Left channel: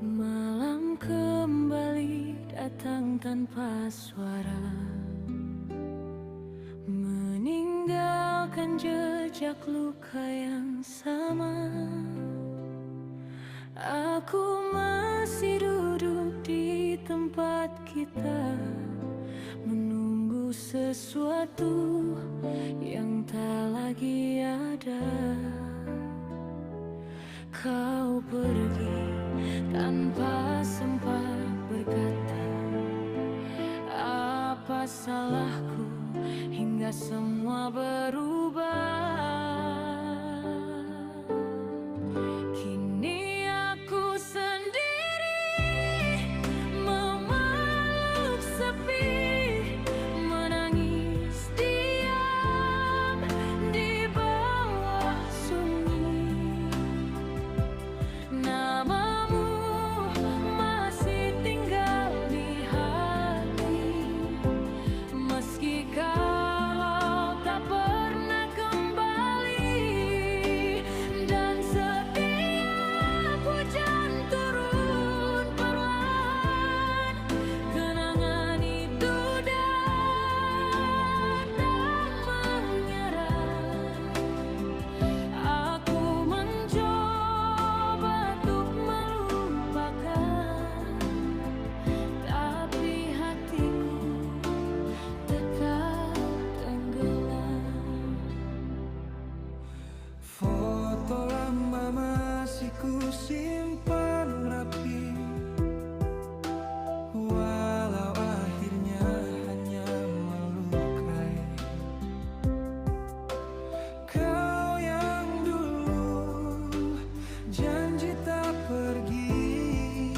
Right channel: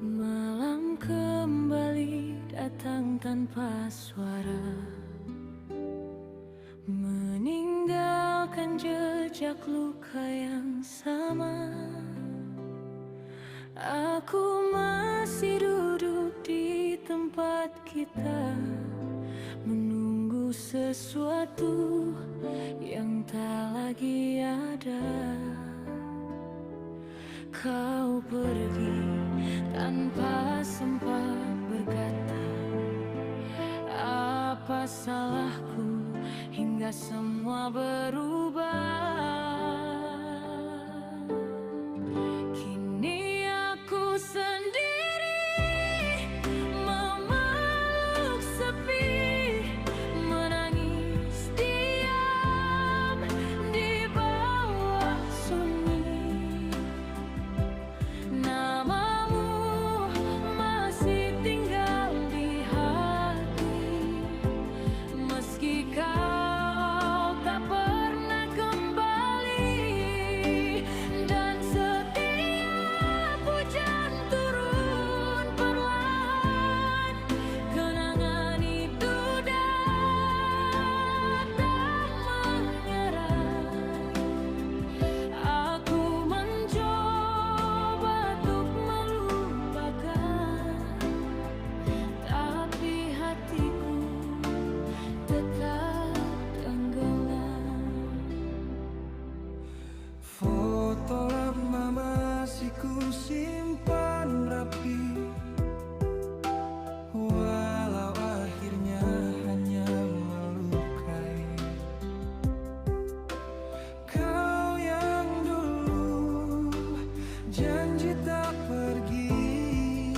Malam kembali datang tanpa suara, meninggalkan jejak luka yang sama. Aku masih duduk di tempat kita, menunggu sesuatu yang tak lagi ada. Kau pergi tanpa sempat berkata, apa salahku hingga semua berubah. Kini aku sendiri, memeluk sepi, menangis diam di bawah sunyi. Namamu masih tinggal di hati, meski kau tak pernah kembali. Dan setiap hujan turun perlahan, kenangan itu datang menyerang. Aku mencoba untuk melupakan, tapi hatiku tetap tenggelam. Foto lama masih ku simpan rapi, walau akhirnya hanya melukai. Kau yang dulu janji tak pergi,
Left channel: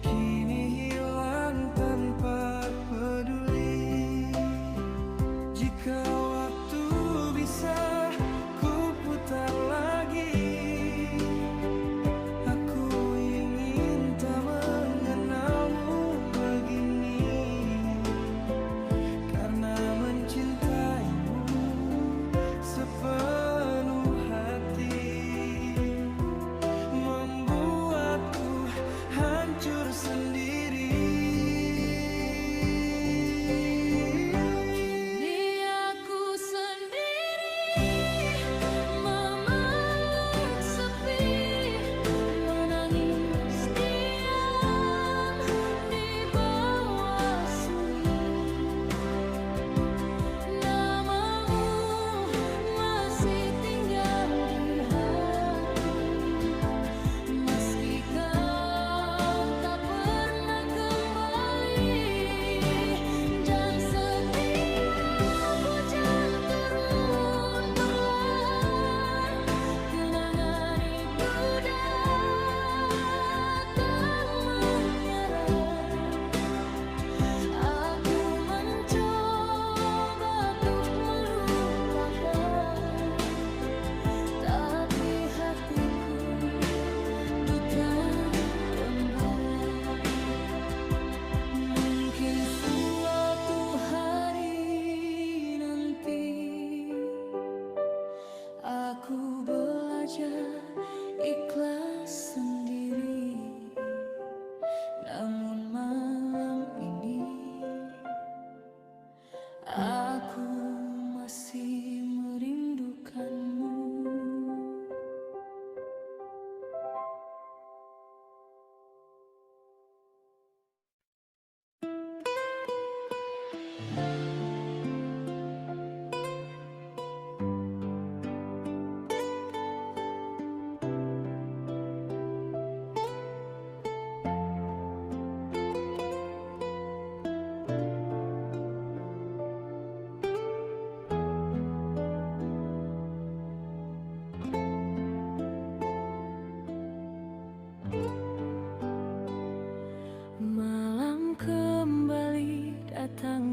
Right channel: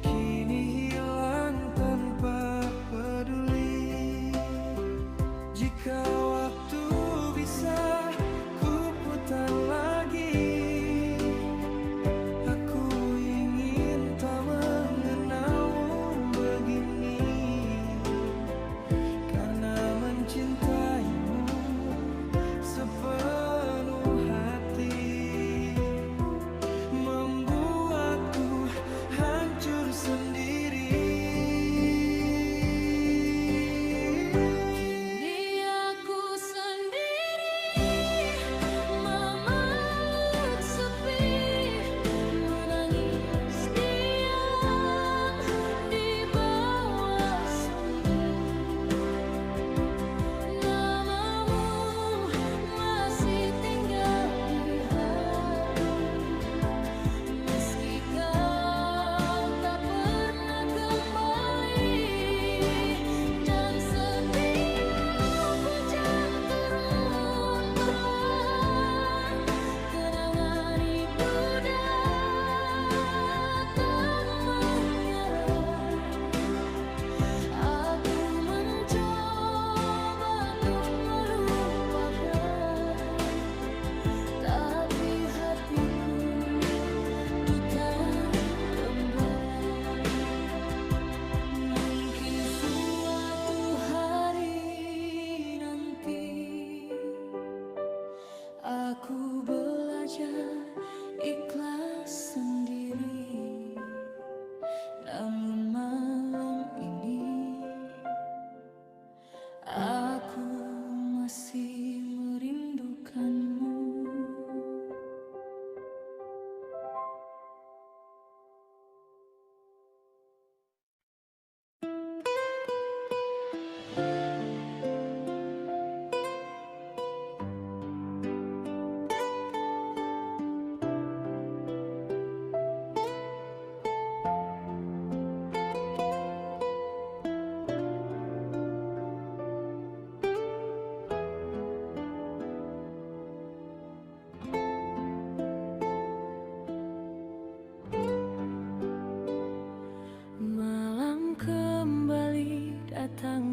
kini hilang tanpa peduli. Jika waktu bisa ku putar lagi, aku ingin tak mengenalmu begini. Karena mencintaimu sepenuh hati, membuatku hancur sendiri. Kini aku sendiri, memeluk sepi, menangis diam di bawah sunyi. Namamu masih tinggal di hati, meski kau tak pernah kembali. Dan setiap hujan turun perlahan, kenangan itu datang menyerang. Aku mencoba untuk melupakan, tapi hatiku duta gembala. Mungkin suatu hari nanti aku belajar ikhlas sendiri. Namun malam ini aku masih merindukanmu.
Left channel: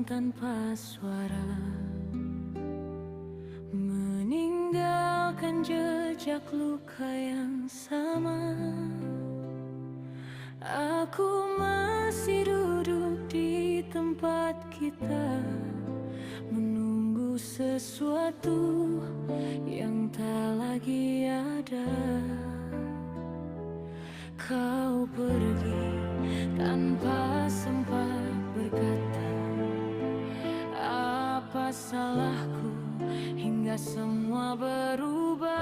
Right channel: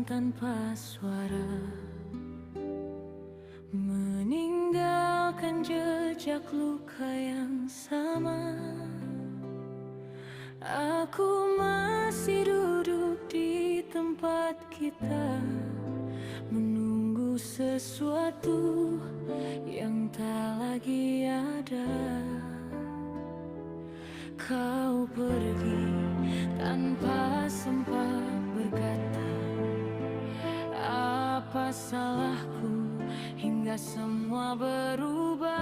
datang tanpa suara, meninggalkan jejak luka yang sama. Aku masih duduk di tempat kita, menunggu sesuatu yang tak lagi ada. Kau pergi tanpa sempat berkata, apa salahku hingga semua berubah.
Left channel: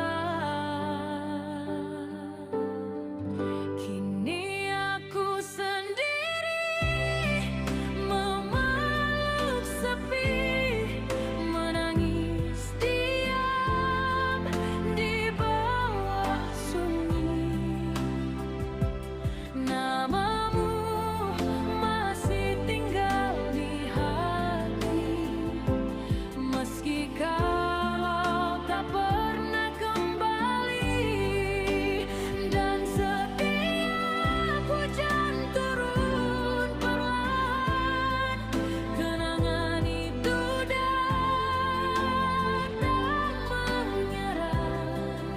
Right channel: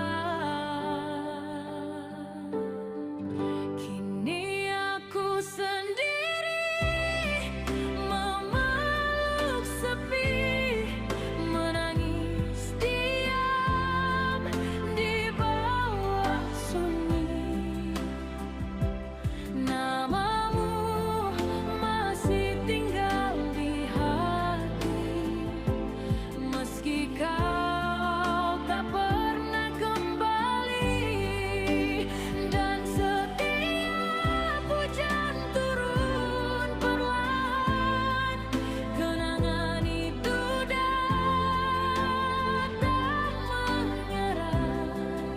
Kini aku sendiri memeluk sepi, menangis diam di bawah sunyi. Namamu masih tinggal di hati, meski kau tak pernah kembali. Dan setiap hujan turun perlahan, kenangan itu datang menyerang.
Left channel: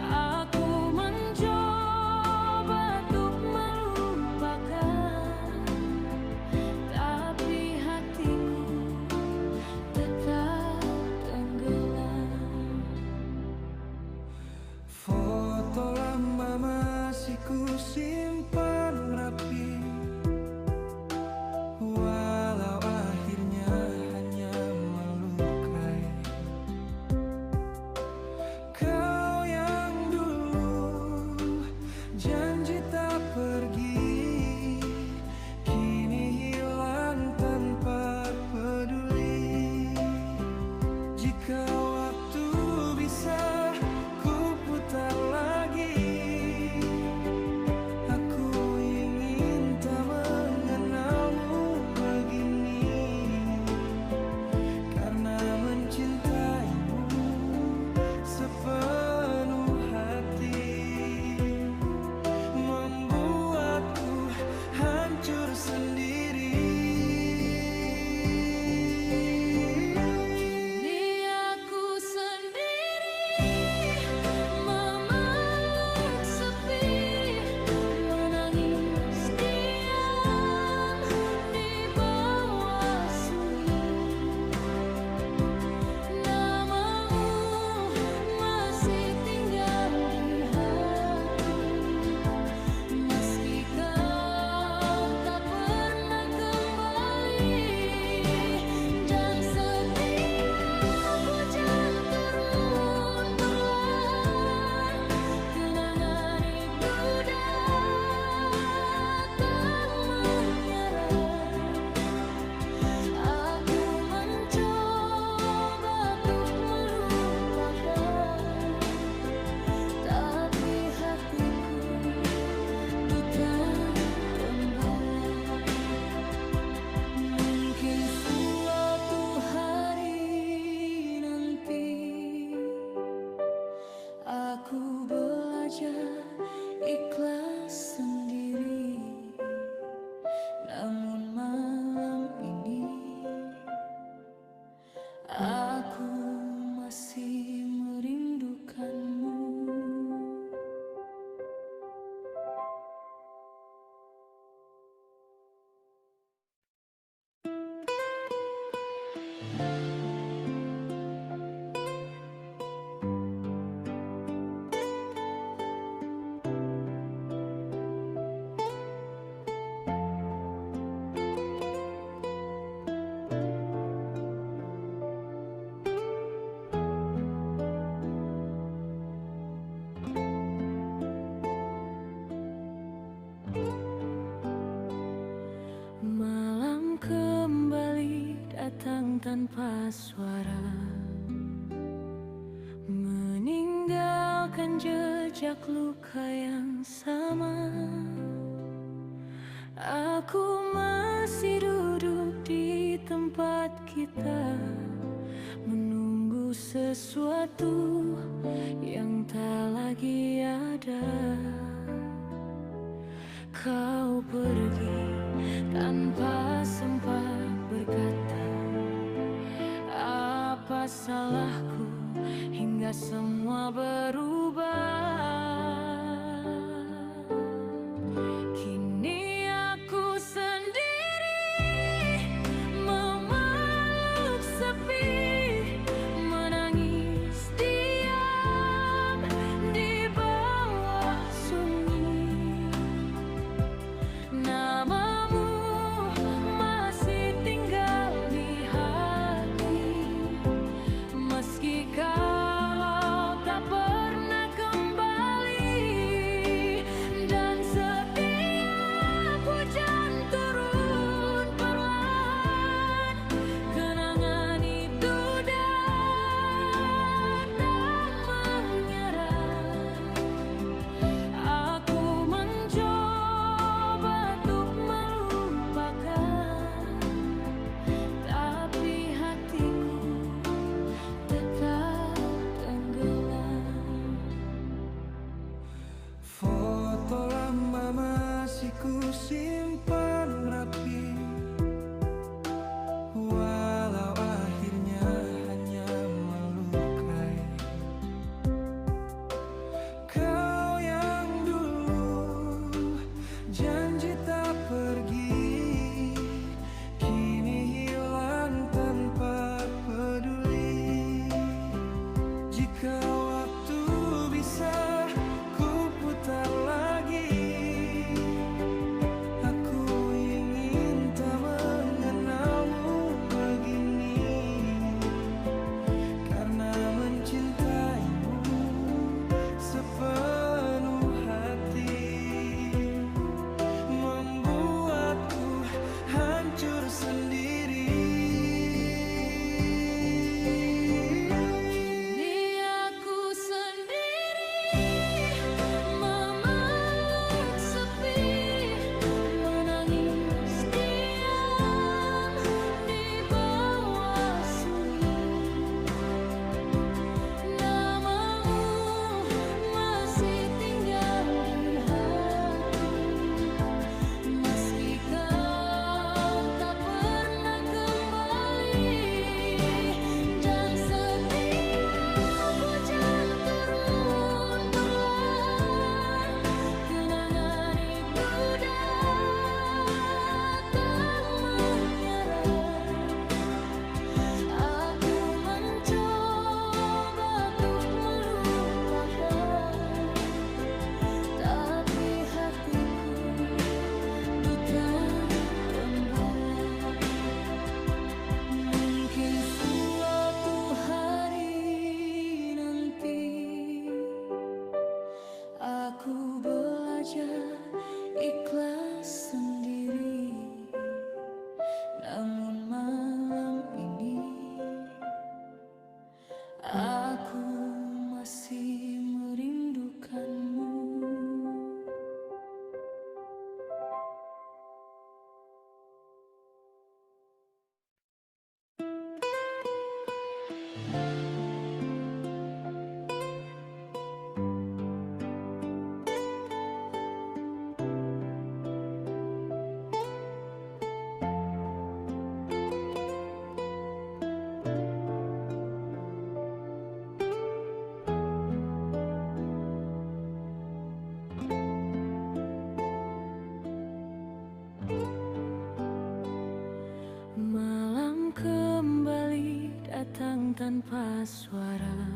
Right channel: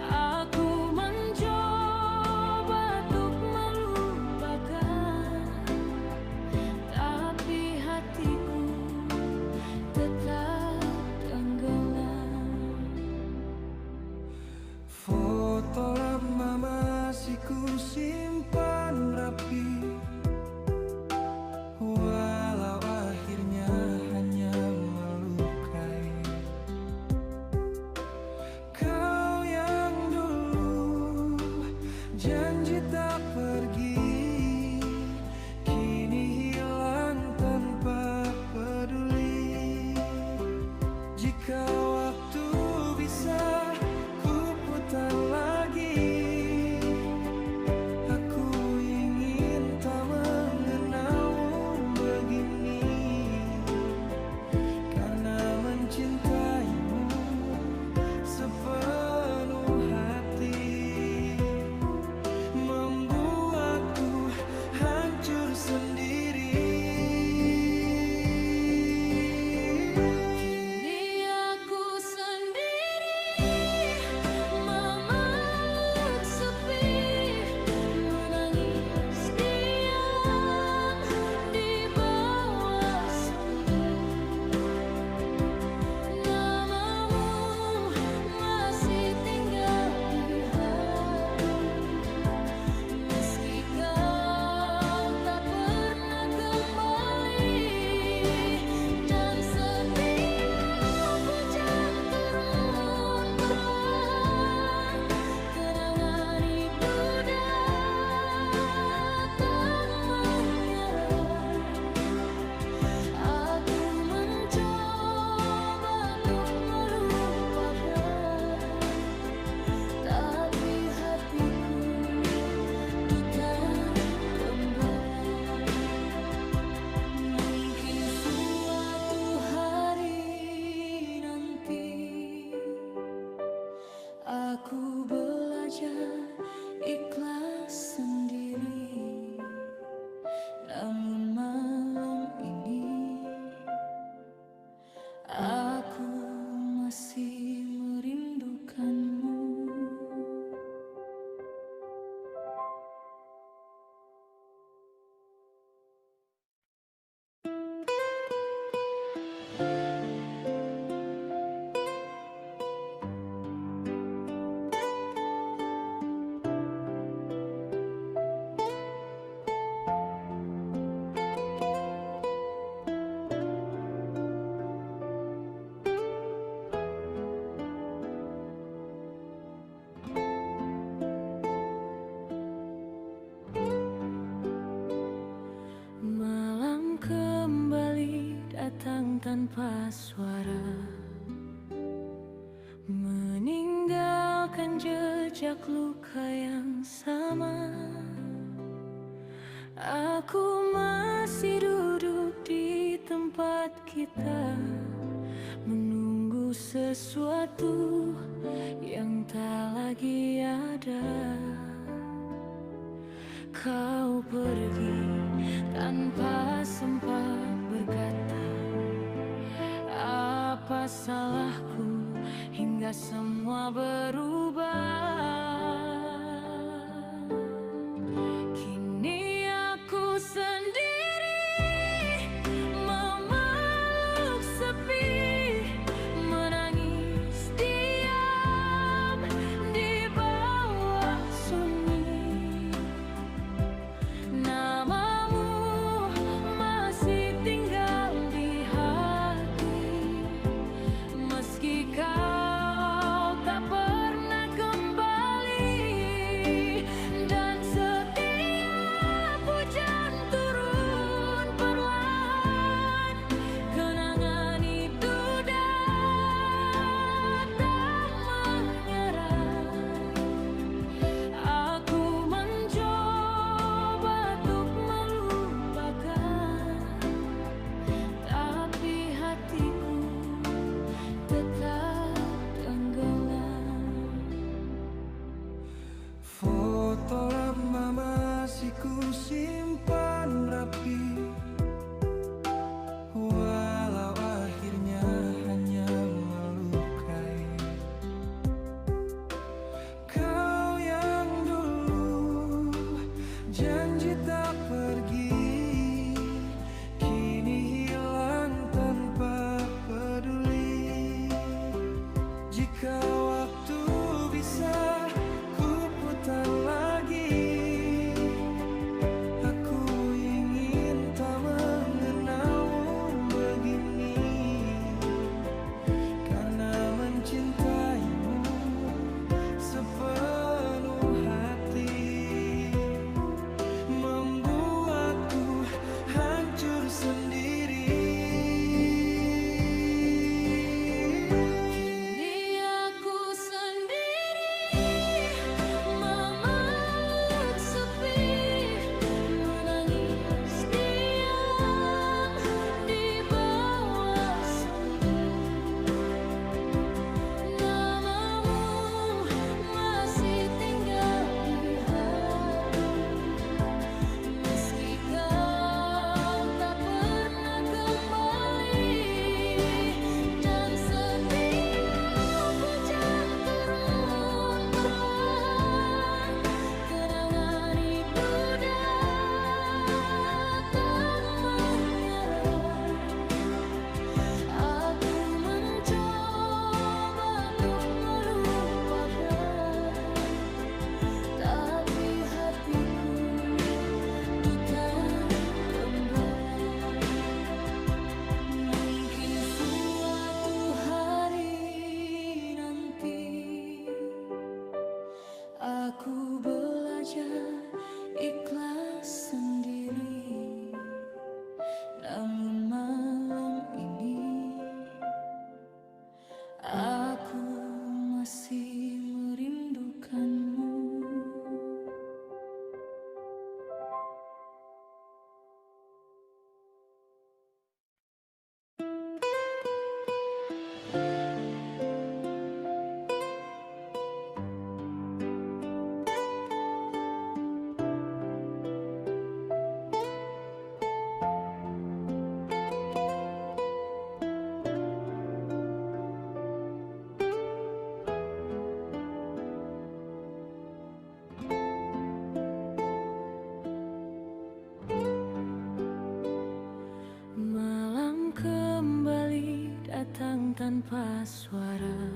Aku mencoba untuk melupakan, tapi hatiku tetap tenggelam. Foto lama masih ku simpan rapi, walau akhirnya hanya melukai. Kau yang dulu janji tak pergi, kini hilang tanpa peduli. Jika waktu bisa ku putar lagi, aku ingin tak mengenalmu begini. Karena mencintaimu sepenuh hati, membuatku hancur sendiri. Kini aku sendiri memeluk sepi, menangis diam di bawah sunyi. Namamu masih tinggal di hati, meski kau tak pernah kembali. Dan setiap hujan turun perlahan, kenangan itu datang menyerang. Aku mencoba untuk melupakan, tapi hatiku duta gembala. Mungkin suatu hari nanti aku belajar ikhlas sendiri. Namun malam ini aku masih merindukanmu. Malam kembali datang tanpa suara, meninggalkan jejak luka yang sama. Aku masih duduk di tempat kita, menunggu sesuatu yang tak lagi ada. Kau pergi tanpa tanpa sempat berkata, apa salahku hingga semua berubah. Kini aku sendiri memeluk sepi, menangis diam di bawah sunyi. Namamu masih tinggal di hati, meski kau tak pernah kembali. Dan setiap hujan turun perlahan, kenangan itu datang menyerang. Aku mencoba untuk melupakan, tapi hatiku tetap tenggelam. Foto lama masih ku simpan rapi, walau akhirnya hanya melukai. Kau yang dulu janji tak pergi, kini hilang tanpa peduli. Jika waktu bisa ku putar lagi, aku ingin tak mengenalmu begini. Karena mencintaimu sepenuh hati, membuatku hancur sendiri. Kini aku sendiri memeluk sepi, menangis diam di bawah sunyi. Namamu masih tinggal di hati, meski kau tak pernah kembali. Dan setiap hujan turun perlahan, kenangan itu datang menyerang. Aku mencoba untuk melupakan, tapi hatiku duta gembala. Mungkin suatu hari nanti aku belajar ikhlas sendiri. Namun malam ini aku masih merindukanmu. Malam kembali datang tanpa suara,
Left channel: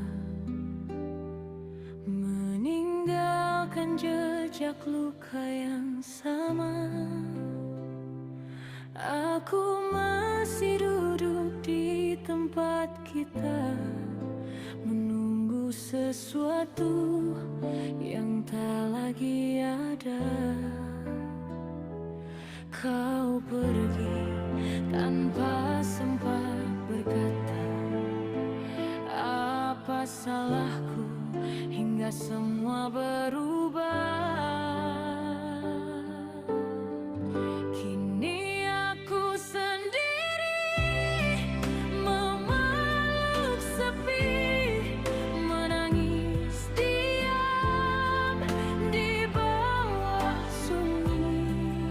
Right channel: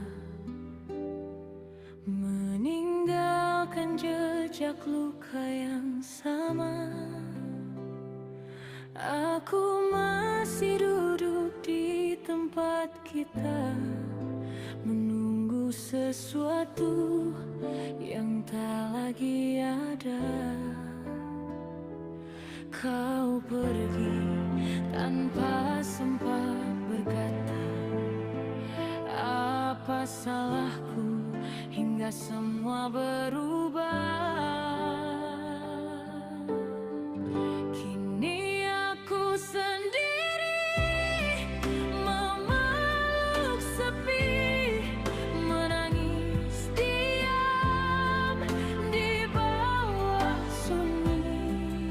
meninggalkan jejak luka yang sama. Aku masih duduk di tempat kita, menunggu sesuatu yang tak lagi ada. Kau pergi tanpa sempat berkata, apa salahku hingga semua berubah. Kini aku sendiri memeluk sepi, menangis diam di bawah sunyi.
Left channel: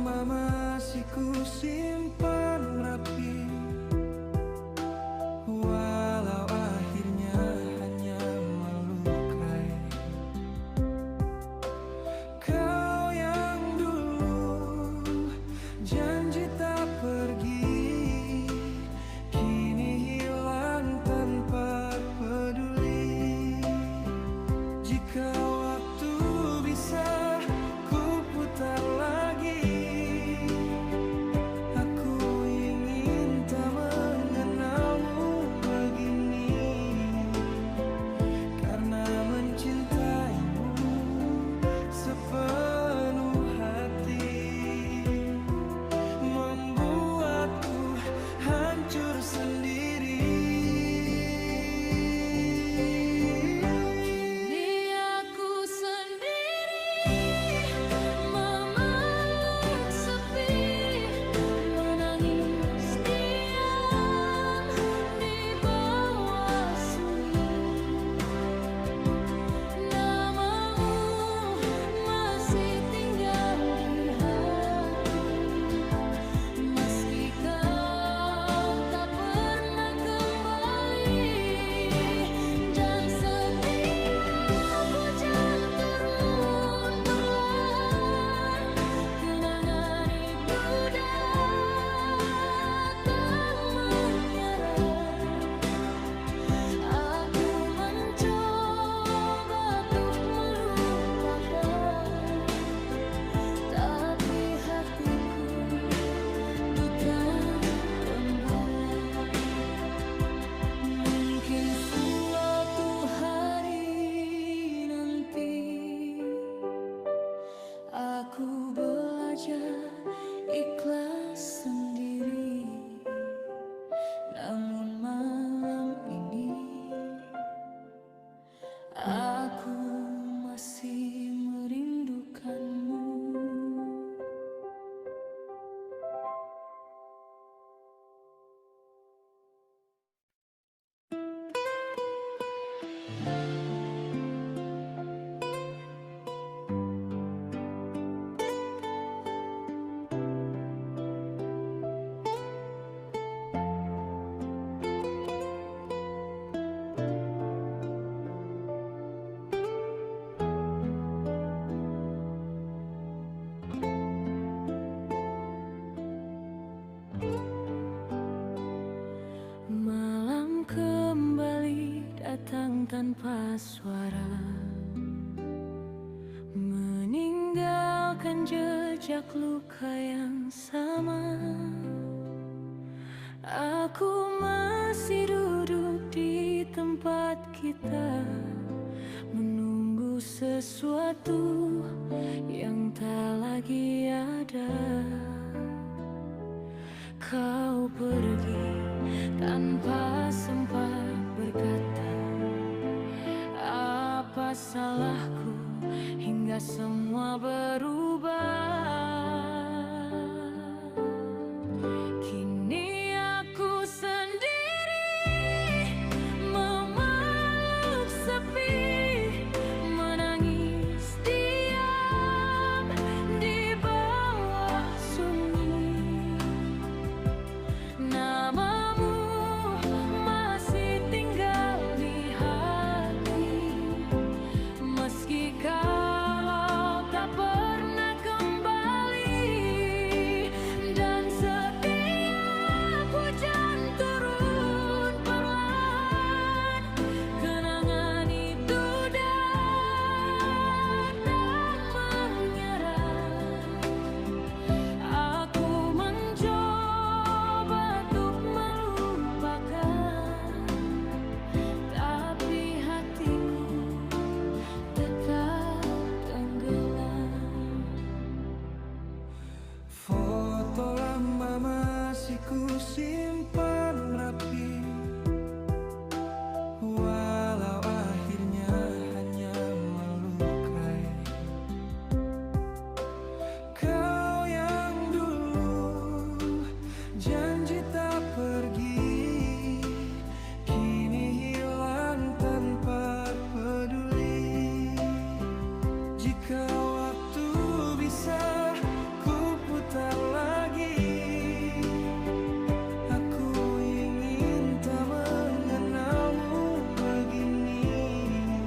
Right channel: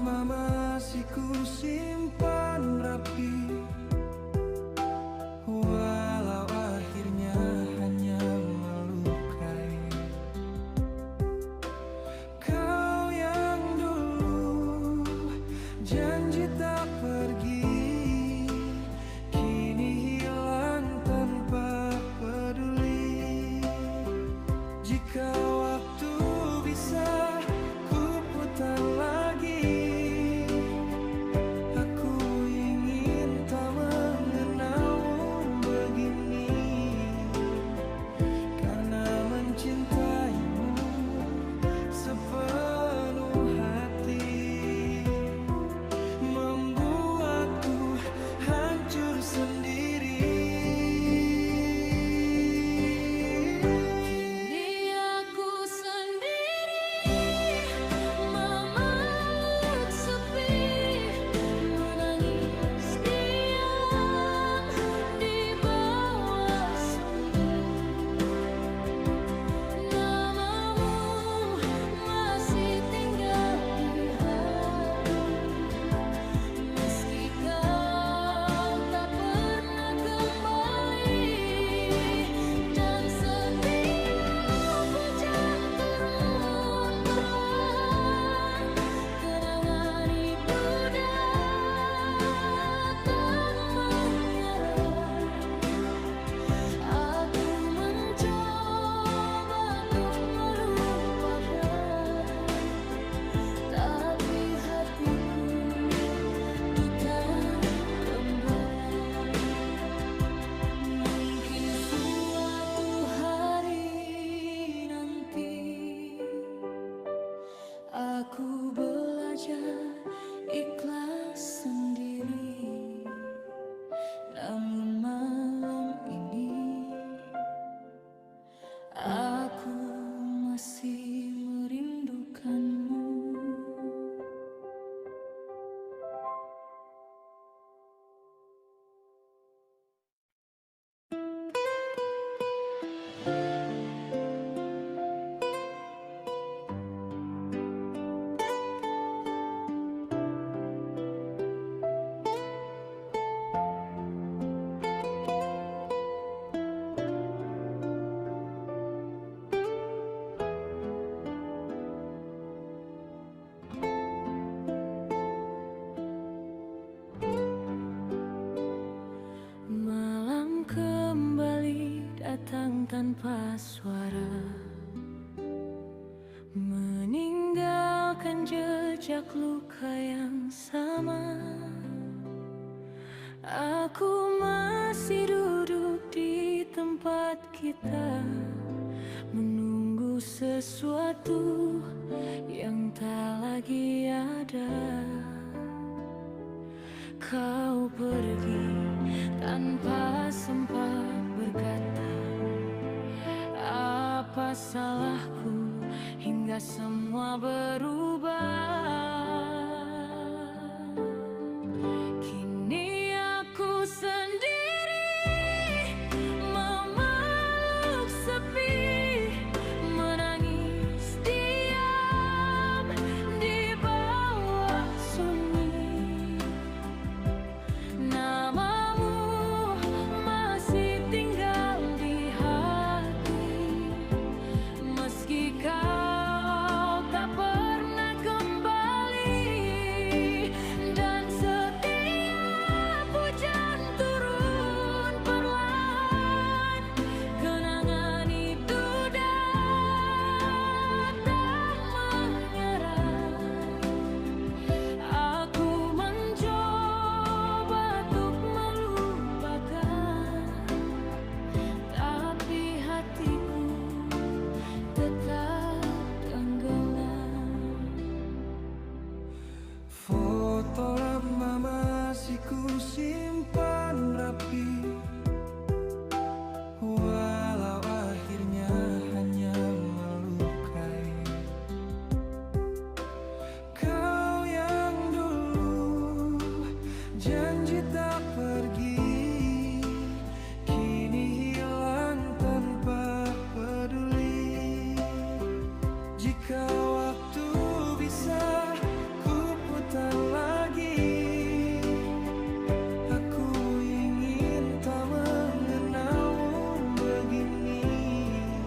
lama masih ku simpan rapi, walau akhirnya hanya melukai. Kau yang dulu janji tak pergi, kini hilang tanpa peduli. Jika waktu bisa ku putar lagi, aku ingin tak mengenalmu begini. Karena mencintaimu sepenuh hati membuatku hancur sendiri. Kini aku sendiri memeluk sepi, menangis diam di bawah sunyi. Namamu masih tinggal di hati, meski kau tak pernah kembali. Dan setiap hujan turun perlahan, kenangan itu datang menyerang. Aku mencoba untuk melupakan, tapi hatiku duta gembala. Mungkin suatu hari nanti aku belajar ikhlas sendiri. Namun malam ini aku masih merindukanmu. Malam kembali datang tanpa suara, meninggalkan jejak luka yang sama. Aku masih duduk di tempat kita, menunggu sesuatu yang tak lagi ada. Kau pergi tanpa sempat berkata, apa salahku hingga semua berubah. Kini aku sendiri memeluk sepi, menangis diam di bawah sunyi. Namamu masih tinggal di hati, meski kau tak pernah kembali. Dan setiap hujan turun perlahan, kenangan itu datang menyerang. Aku mencoba untuk melupakan, tapi hatiku tetap tenggelam. Foto lama masih ku simpan rapi, walau akhirnya hanya melukai. Kau yang dulu janji tak pergi, kini hilang tanpa peduli. Jika waktu bisa ku putar putar lagi. Aku ingin tak mengenalmu begini,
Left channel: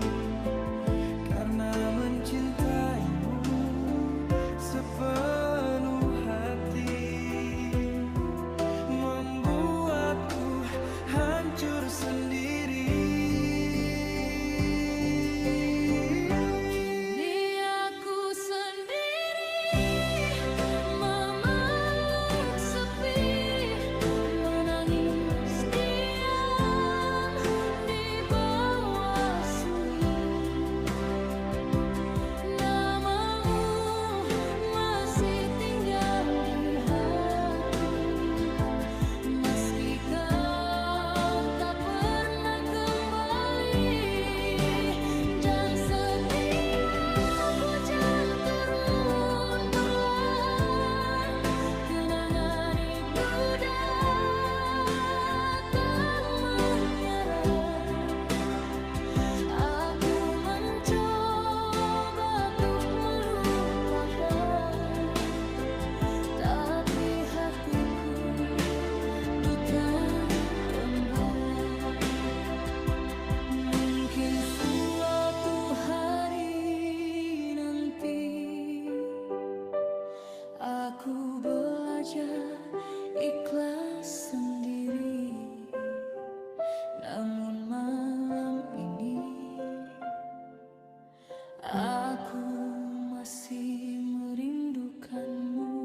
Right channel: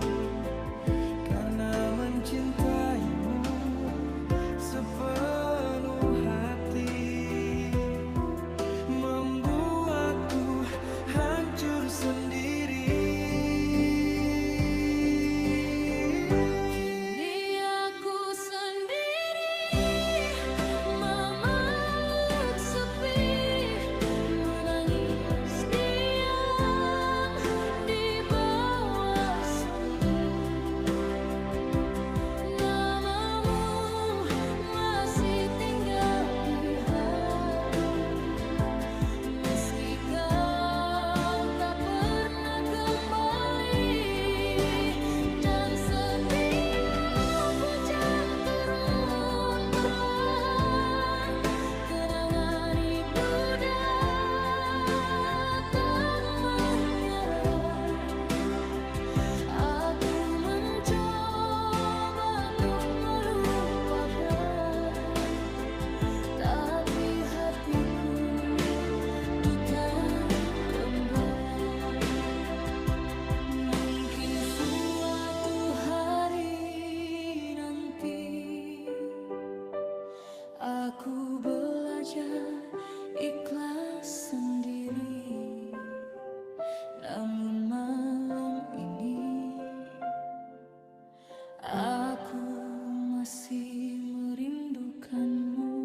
karena mencintaimu sepenuh hati membuatku hancur sendiri. Hatiku duta gembala, mungkin suatu hari nanti aku belajar ikhlas sendiri. Namun malam ini aku masih merindukanmu.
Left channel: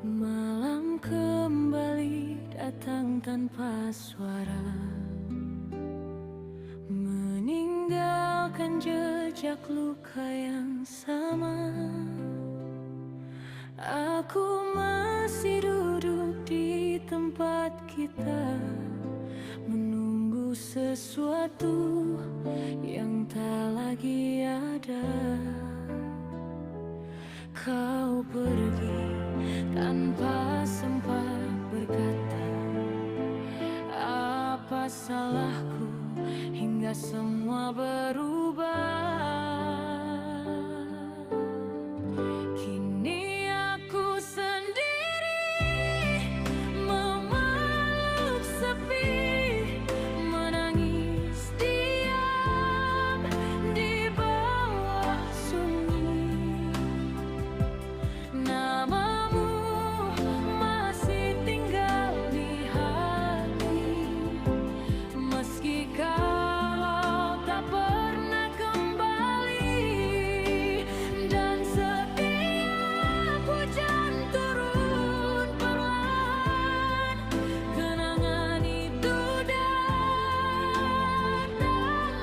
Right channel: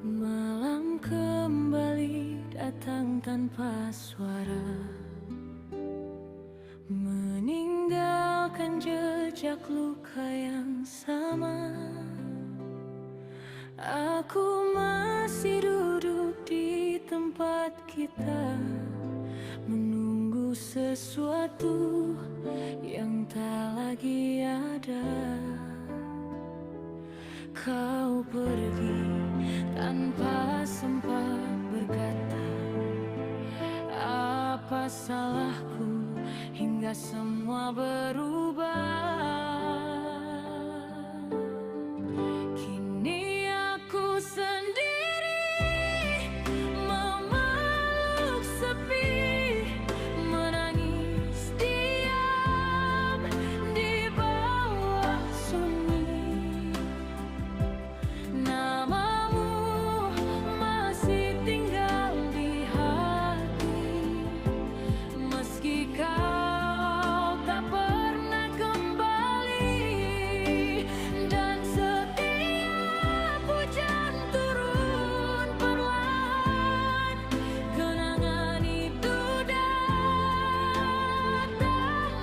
Malam kembali datang tanpa suara, meninggalkan jejak luka yang sama. Aku masih duduk di tempat kita, menunggu sesuatu yang tak lagi ada. Kau pergi tanpa sempat berkata, apa salahku hingga semua berubah. Kini aku sendiri memeluk sepi, menangis diam di bawah sunyi. Namamu masih tinggal di hati, meski kau tak pernah kembali. Dan setiap hujan turun perlahan, kenangan itu datang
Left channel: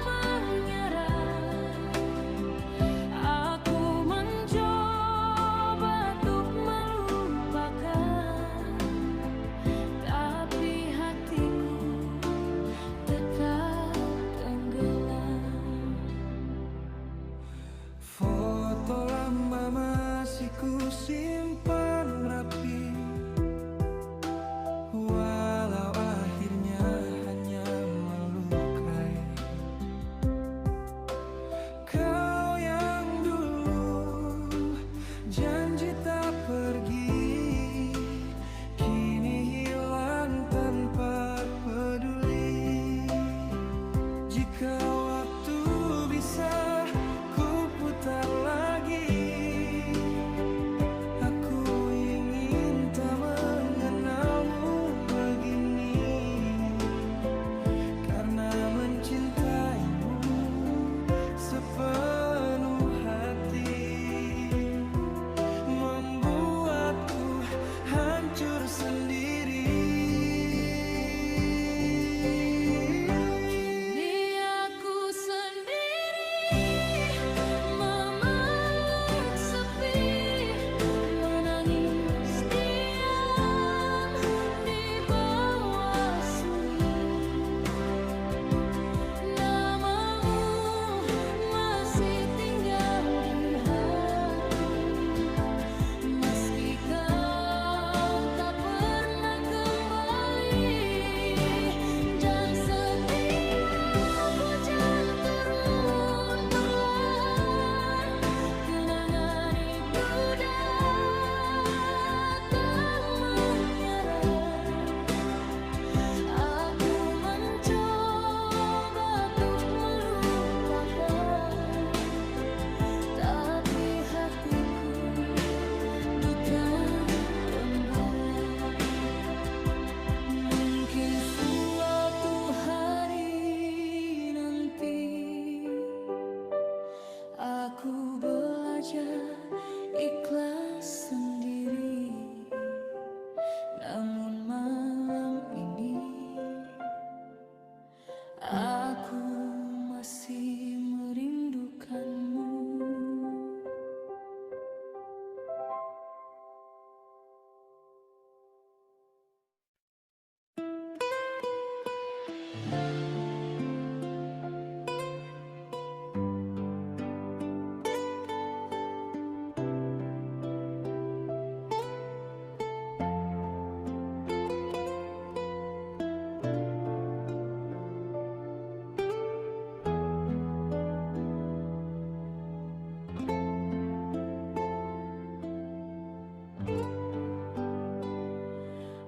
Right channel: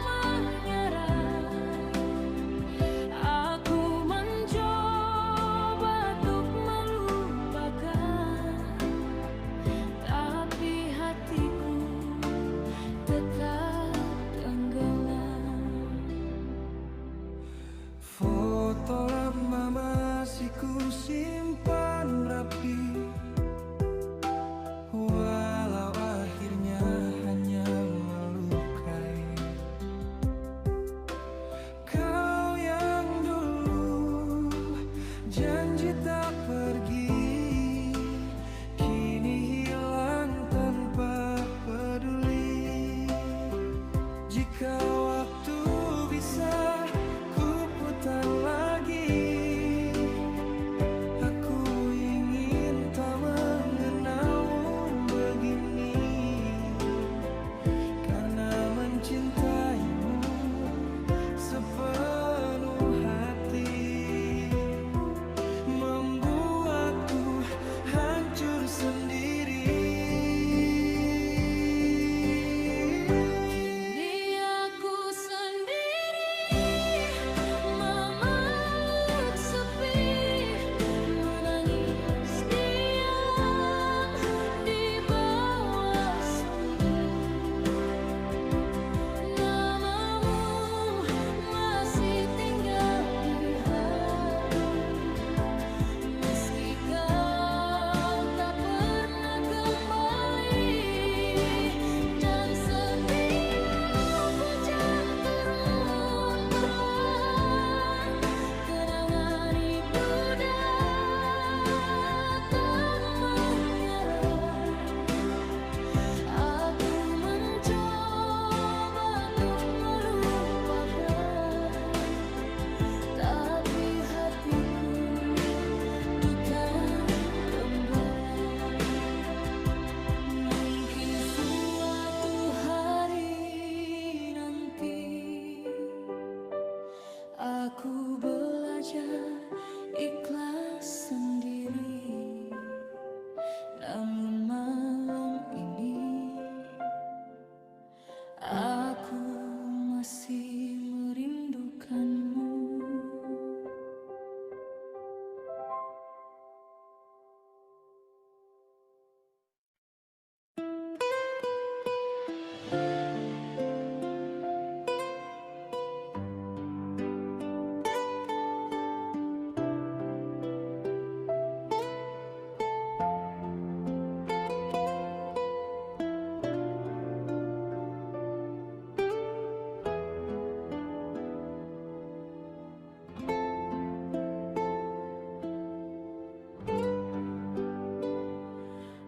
menyerang. Aku mencoba untuk melupakan, tapi hatiku tetap tenggelam. Foto lama masih ku simpan rapi, walau akhirnya hanya melukai. Kau yang dulu janji tak pergi, kini hilang tanpa peduli. Jika waktu bisa ku putar lagi, aku ingin tak mengenalmu begini, karena mencintaimu sepenuh hati membuatku hancur sendiri. Kini aku sendiri hatiku duta gembala. Mungkin suatu hari nanti aku belajar ikhlas sendiri. Namun malam ini aku masih merindukanmu.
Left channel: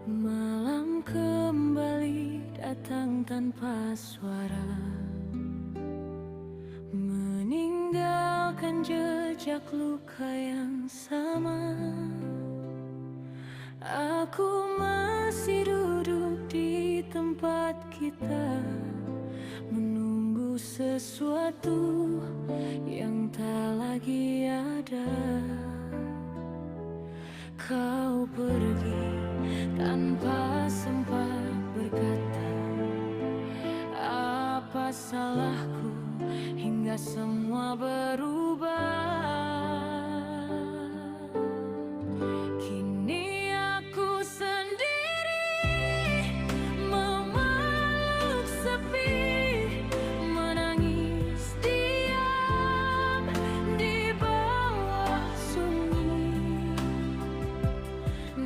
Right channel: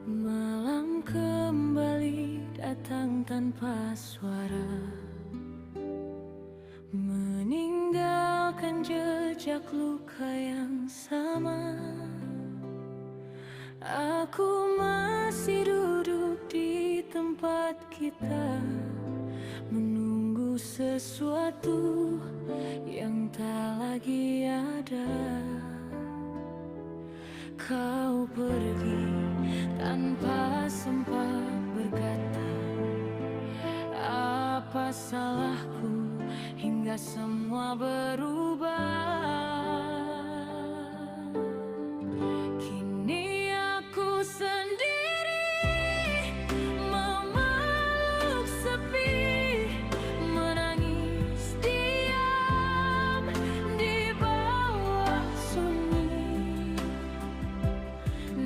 Malam kembali datang tanpa suara, meninggalkan jejak luka yang sama. Aku masih duduk di tempat kita, menunggu sesuatu yang tak lagi ada. Kau pergi tanpa sempat berkata, apa salahku hingga semua berubah. Kini aku sendiri memeluk sepi, menangis diam di bawah sunyi.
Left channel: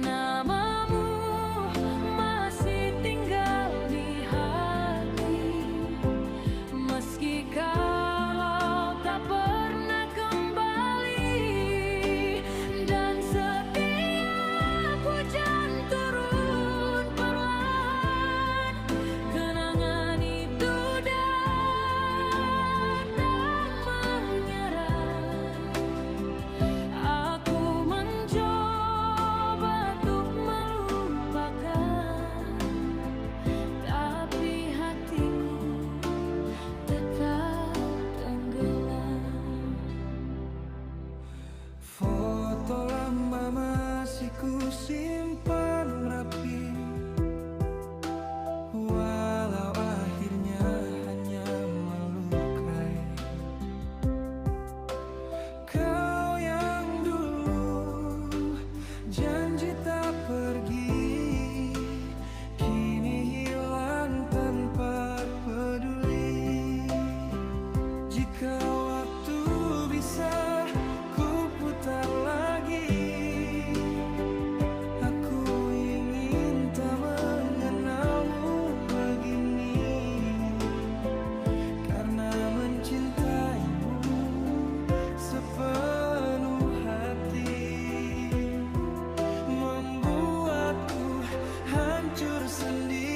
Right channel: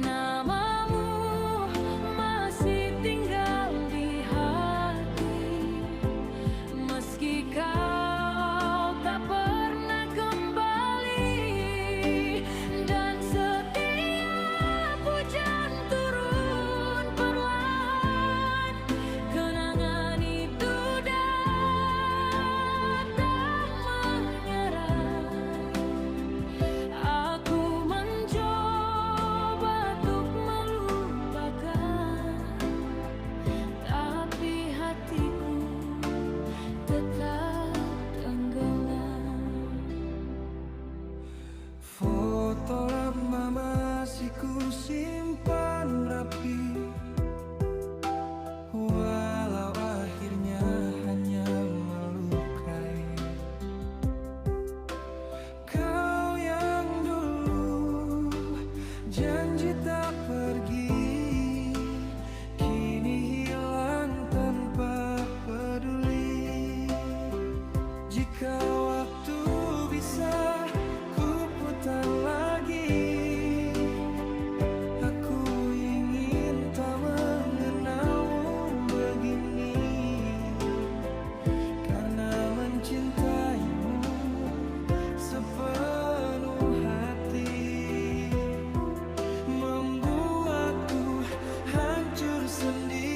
Namamu masih tinggal di hati, meski kau tak pernah kembali. Dan setiap hujan turun perlahan, kenangan itu datang menyerang. Aku mencoba untuk melupakan, tapi hatiku tetap tenggelam. Foto lama masih ku simpan rapi, walau akhirnya hanya melukai. Kau yang dulu janji tak pergi, kini hilang tanpa peduli. Jika waktu bisa ku putar lagi, aku ingin tak mengenalmu begini. Karena mencintaimu sepenuh hati, membuatku hancur sendiri.